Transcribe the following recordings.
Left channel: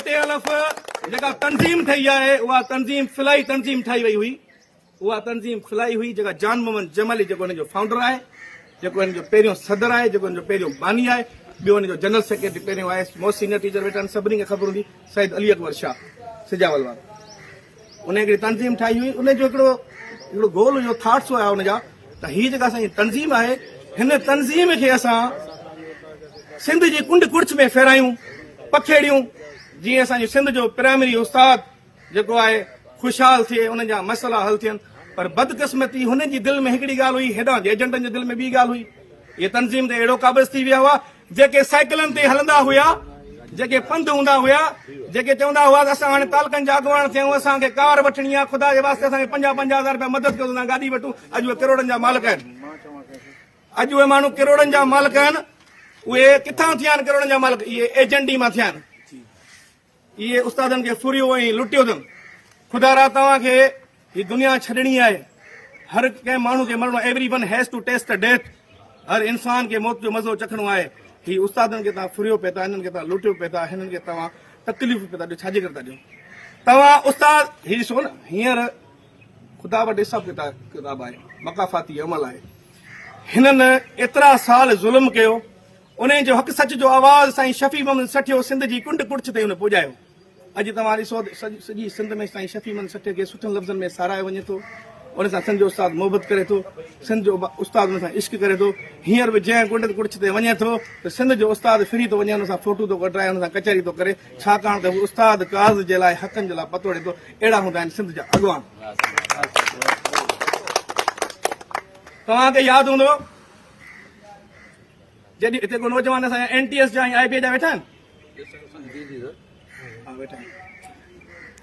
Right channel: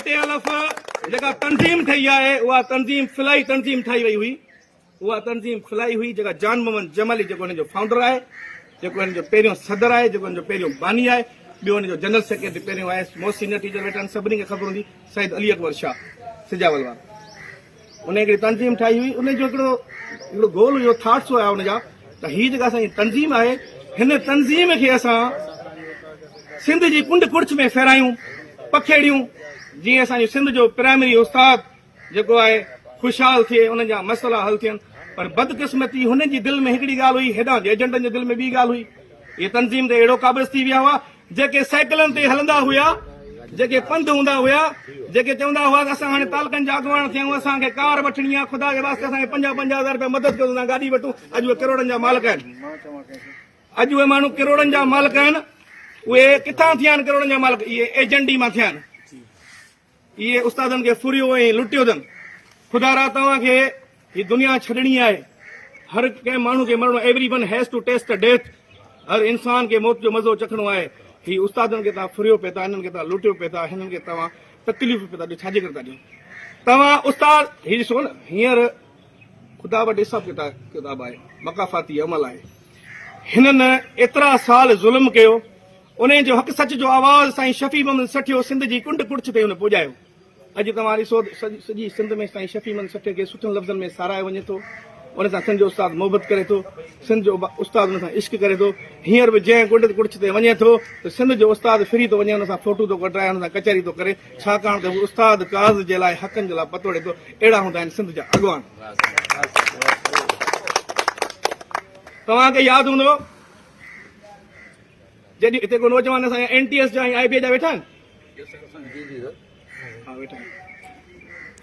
JTLF जेका तंज़ीम ठही आहे उहा तंज़ीम फिलाई तंज़ीम ठाही वई हुई। उहा तंज़ीम फिलाई हुई जेका जान मोहम्मद जमली जेको हिन जो फाउंडर आहे, जेको हिन जो पहिरियों सदर आहे, जेको हिन जो पहिरियों बानी आहे, ॿियो हिन जो जनरल सेक्रेटरी पहिरियों आहे। मोस्ट सीनियर टीचर वेठा आहिनि, सभिनी खे ख़बर हूंदी, सईद अली अकबर शाह सिजावल वारो। उन हिकिड़ी तंज़ीम ठाही हुई, उन जो हिकिड़ो गोल हुयो, थाट्स हुया हुनजा त हीअ जेका असांजी तंज़ीम आहे, हिन तंज़ीम खे असां सिंध जी कुंड कुड़च में फेरायूं, पखेड़ियूं, जीअं असांजो सिंध जो प्राइमरी उस्ताद जेको आहे ख़ुशहाल थिए, उन जा मसइला हल थियनि। पर बदकिस्मती हुन जी दिलि में हिकिड़ी ॻाल्हि हुई, हेॾां एजेंटनि जे दिलि में ॿी ॻाल्हि हुई। इहे तंज़ीम ते अहिड़ो क़ाबिज़ थी विया हुआ, जेके साइकिलनि ते हलंदा हुआ, जेके पंधु हूंदा हुआ, जेके चवंदा हुआ त असां हाणे तालकनि जा अॻुवान थियूं, असांखे कार वठणी आहे, ख़ुदा जे वास्ते असांखे 50-50 रुपया मदद कयो, गाॾी वठूं। अॼु उहे करोड़नि जा मालिक आहिनि। अॼु उहे माण्हू करोड़नि जा मालिक आहिनि। उहे किथां थिया आहिनि करोड़नि जा मालिक? इहे एजेंडी मां थिया आहिनि। इहे उस्तादनि खे फुरियो ऐं लुटियो अथनि। ख़ुदा रा तव्हांखे हीअ दुनिया छॾणी आहे, हर कंहिं माण्हू खे मरणो, everyone has to taste the death. हर इंसान खे मौत जो मज़ो चखणो आहे। ही उस्तादनि खे तव्हां फुरियो पिया था, हिननि खे तव्हां लुटियो पिया था, हिननि खे तव्हां तकलीफ़ पिया था ॾियो, छाजे करे था ॾियो? तव्हां उस्ताद हीअ ॾिसो न, हींअर ख़ुदा वटि हिसाब किताब आहे, मकाफ़ाती अमल आहे। हिननि एतिरा साल ज़ुल्म कयो, उन जो हक़ सच जो आवाज़ साईं शफ़ी मोहम्मद सठियो सिंध जी कुंड कुड़च ते हुन पुॼायो। अॼु तव्हां ॾिसो सॼी सिंध में साईं शफ़ी मोहम्मद सठे खे सुठनि लफ़्ज़नि में साराए वञे थो। उन सां सिंध जो उस्ताद मोहबत करे थो, सिंध जो उस्ताद उन सां इश्क करे थो। हींअर बि जंहिं कुंड कुड़च ते वञे थो त सिंध जो उस्ताद फिरी थो वञे, हुन सां फोटू थो कढाए, हुन सां कचहरी थो करे, छाकाणि त हू उस्ताद काज़ जे लाइ, हक़नि जे लाइ पतोड़े थो। अहिड़ा हूंदा आहिनि सिंध जा अॻुवान। तव्हांखे यादि हूंदो जॾहिं हिते को नौजवान असांजा NTS जा ऐं IBA जा वेठा आहिनि,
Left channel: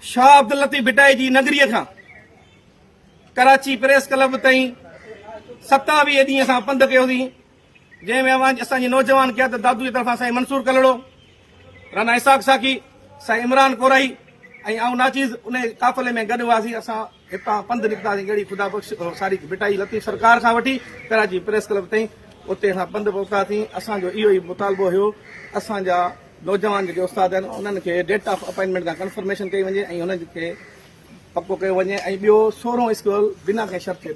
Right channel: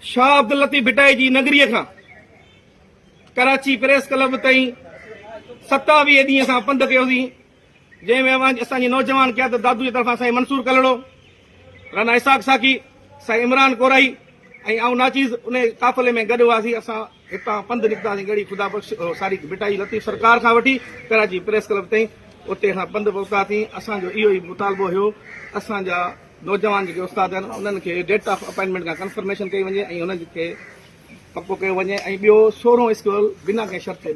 शाह अब्दुल लतीफ़ भिटाई जी नगरीअ खां कराची प्रेस क्लब ताईं 27 ॾींहं असां पंधु कयोसीं, जंहिंमें असांजी नौजवान क़यादत दादू जी तरफ़ां साईं मंसूर कलड़ो, राना इसाक साकी, साईं इमरान कोराई ऐं आऊं नाचीज़ उन काफ़िले में गॾु हुआसीं। असां हितां पंधु निकितासीं, गड़ी ख़ुदा बख़्श सारी भिटाई लतीफ़ सरकार खां वठी कराची प्रेस क्लब ताईं, उते खां पंधु पहुतासीं। असांजो इहो ई मुतालबो हुयो, असांजा नौजवान जेके उस्ताद आहिनि उन्हनि खे डेट ऑफ अपॉइंटमेंट खां कंफर्मेशन कई वञे ऐं हुननि खे पको कयो वञे। ऐं ॿियो 16 स्कूल बिना कंहिं शर्त खे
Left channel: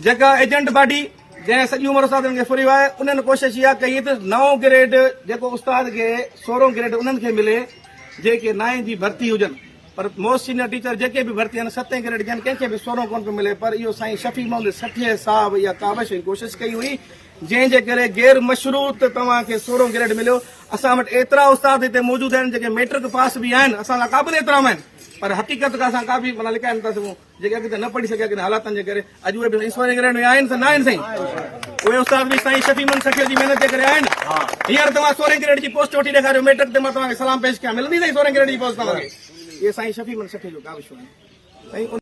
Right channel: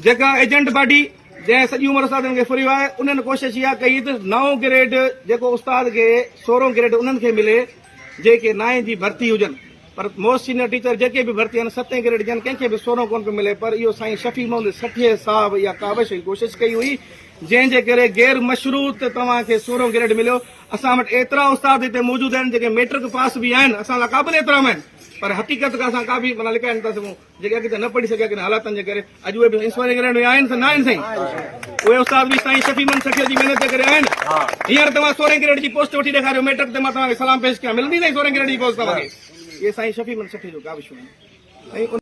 जेका एजेंट बॉडी जंहिं सॼी उमिरि उस्तादनि खे फुरियो आहे, उन्हनि कोशिशि इहा कई त 9 ग्रेड जेको उस्ताद खे 16 ग्रेड उन्हनि खे मिले जेके 9 जी भर्ती हुजनि। पर मोस्ट सीनियर टीचर जेके बि भर्ती आहिनि 7 ग्रेड ॾियनि, कंहिंखे बि 16 कोन पियो मिले। पर इहो साईं शफ़ी मोहम्मद सठिए साहब इहा काविश जी कोशिशि कई हुई, जंहिंजे करे गैर मशरूत तव्हांखे 16 ग्रेड मिलियो। असां वटि एतिरा उस्ताद हिते मौजूदु आहिनि जेके मैट्रिक पास बि आहिनि, असां लाइ क़ाबिल एतिराम आहिनि, पर हक़ीक़त खां असां का बि माना लिकाए नथा सघूं, जेके अॻिते न पढ़ी सघिया किन हालातनि जे करे। अॼु उहे बि 16 ग्रेड में आहिनि त न आहिनि साईं? उहे उस्ताद बि साईं शफ़ी मोहम्मद सठिए जी महिनत जे करे आहिनि। हींअर तव्हां 16 ग्रेड जी पोस्ट वठी ॾेखारियो मैट्रिक ते, मां तव्हांखे सलाम पेश कयां, मिलंदी साईं 16 ग्रेड जी पोस्ट तव्हांखे? इहे साईं शफ़ी मोहम्मद सठिए जो काविशूं आहिनि।